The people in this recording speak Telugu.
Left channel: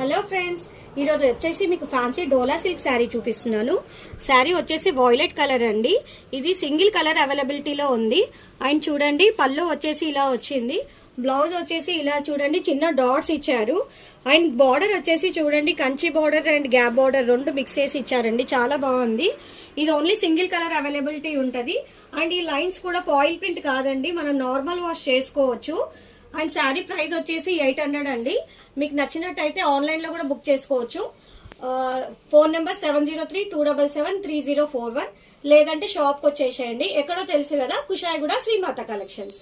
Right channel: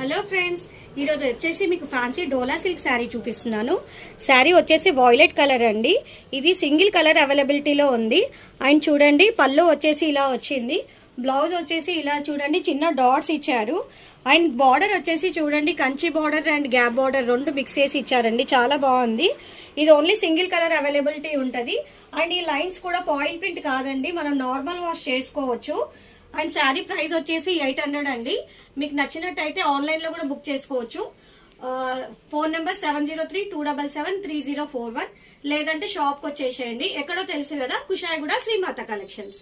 హలో ఫ్రెండ్స్, ఈరోజు వచ్చేసి మీకు ఫ్యాన్సీ డోలా సిల్క్ శారీ చూపిస్తున్నాను. శారీ వచ్చేసి వాయిలెట్ కలర్ అండి. ఇది సింగిల్ కలర్ అవైలబిలిటీలో ఉంది. అండ్ చూడండి, పళ్ళు వచ్చేసి ఇలా వచ్చింది. బ్లౌజ్ వచ్చేసి ఇలా చూడండి, చిన్న డాట్స్ ఇచ్చారు. అండ్ బార్డర్ వచ్చేసి చూడండి, Kanchi border and gap border రెండు మిక్స్ చేసి ఇచ్చారండి. చాలా బాగుంది. ఇది ఓన్లీ సింగిల్ కలర్ అవైలబిలిటీ ఉంటుంది. అండ్ ఈ లైన్స్ కూడా ఫాయిల్ ప్రింట్ కాదండి, మనం నార్మల్ వాష్ చేసుకోవచ్చు. అండ్ శారీ ప్రైస్ వచ్చేసి 800 అండి. మీకు నచ్చినట్టయితే ఆన్లైన్ లో కూడా బుక్ చేసుకోవచ్చు. ఫోన్ నెంబర్ 7032773041, లేదంటే షాప్ కి వచ్చేసేయండి. ఎక్కడో తెలుసు కదా, కుషాయిగూడ శ్రీమాత కలెక్షన్స్.